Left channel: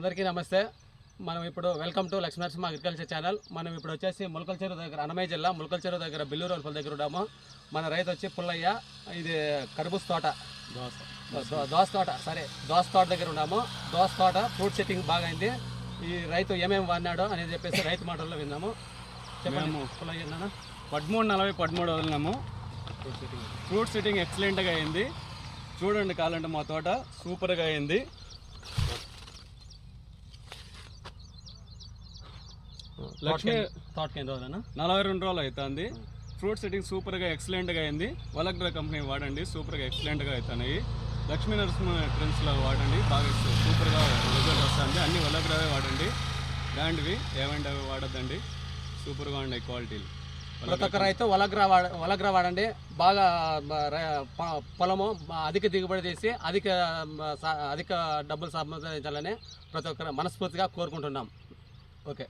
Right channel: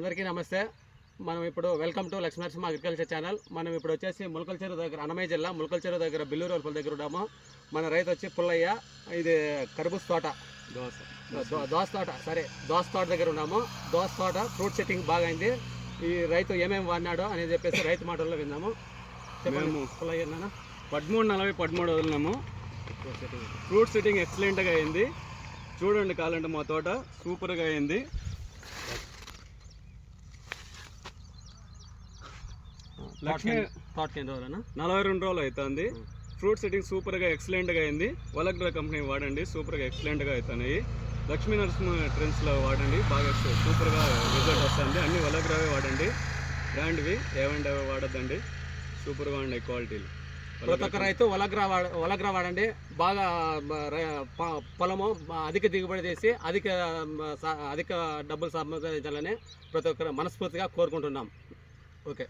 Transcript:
అందరికీ నమస్తే. మనం ఇప్పుడు welcome to Lakshmi Narasimha agriculture channel. మనం ఇప్పుడు వచ్చేసి ములకల చెరువు దగ్గర, అన్నమయ్య జిల్లా ములకల చెరువు దగ్గర బిల్లూరు వల్పల దగ్గర ఉన్నాము. మన రైతు వచ్చి పుల్లయ్య. ఇది కర్బూజ తోట, దోస తోట దగ్గర ఉన్నాము. దోస తోట ఫ్రూట్ సెట్టింగ్ బాగా అయింది. ఈ రైతు ఏమేమి వాడినాడో అనేది చెప్పేసి రైతు మాటల్లో విన్నాము. మేము పుల్లయ్య 13 వదిలినాము. ఫ్రూట్ సెట్టింగ్ ఎక్సలెంట్గా అయింది. చూడండి కావాలంటే మా తోట సూపర్గా అయింది. లక్ష్మి తోటకి ఎన్ని రోజులన్నా? 42 రోజులు అవుతుంది. ఫ్రూట్ సెట్టింగ్ సూపర్గా ఎక్సలెంట్గా అయింది. వలగ్రా కంపెనీ వాడండి, సూపర్గా ఎక్సలెంట్గా అవుతున్నాయి. లక్ష్మీ నరసింహ ట్రెండ్స్లో వాడండి, బాగా సూపర్గా రిజల్ట్ వస్తుంది. అన్ని వలగ్రావే వాడండి, బ్రాండ్వి ఏమంటే వాడద్దండి, సూపర్గా ఉండే క్వాలిటీలు. ప్రతి ఒక్క రైతు వలగ్రా వాడండి. బాగా పొలము అధిక దిగుబడి చేసి అధిక డబ్బులు సంపాదించాలని ప్రతి ఒక్కరు మనస్ఫూర్తిగా కోరుకుంటున్నాం. ఓకే.